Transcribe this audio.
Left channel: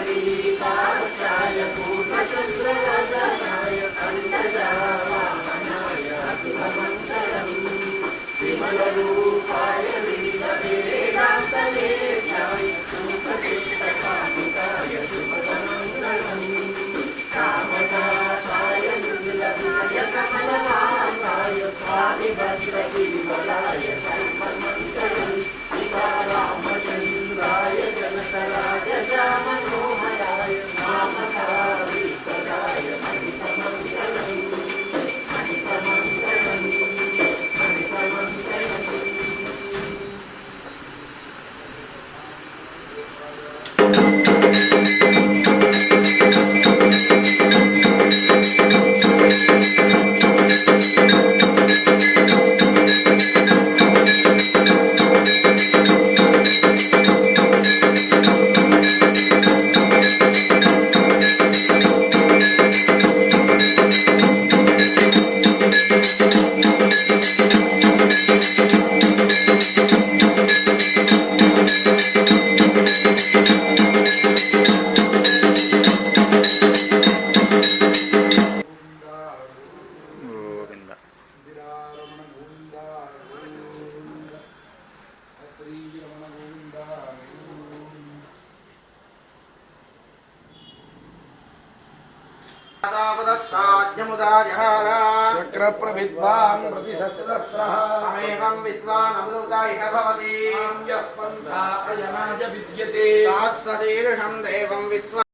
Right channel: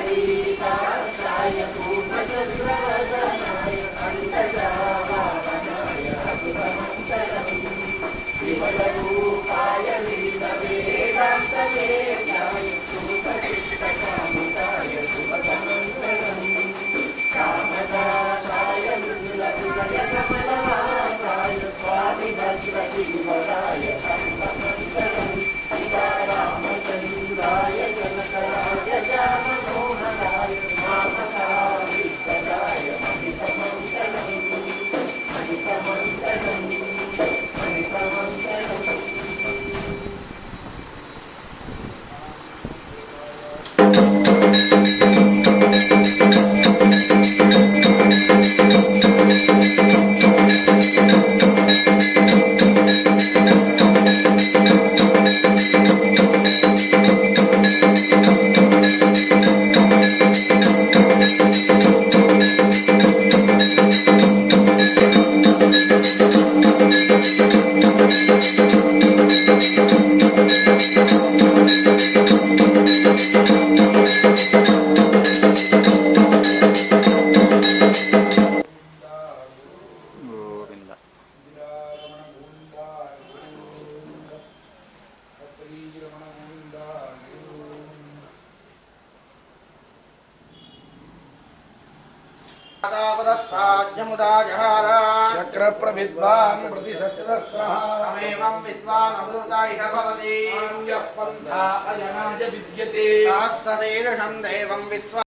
पुण्डरीकाक्षाय पूर्णचन्द्रवदनाय कण्टकावामनाय अखिलमङ्गलम् विमलरूपाय लीलवेदान्तवेद्याय सुखचित्तकामिताय शुभमङ्गलम् कामदासाय नीलविजयकमलवासाय स्वामिभद्रतीवराय सर्वमङ्गलम् रामचन्द्राय जनकराय मनोहराय नामकारीष्टदाय मणितमङ्गलम् मणितमङ्गलम् मणितमङ्गलम् शक्रप्रविद्वान् प्रतिशस्त्रस्रः अमेवं विद्वान् अवधूतायिष भवति यः पन्था अयनाय विद्यते तास्सदेशं देवं विश्व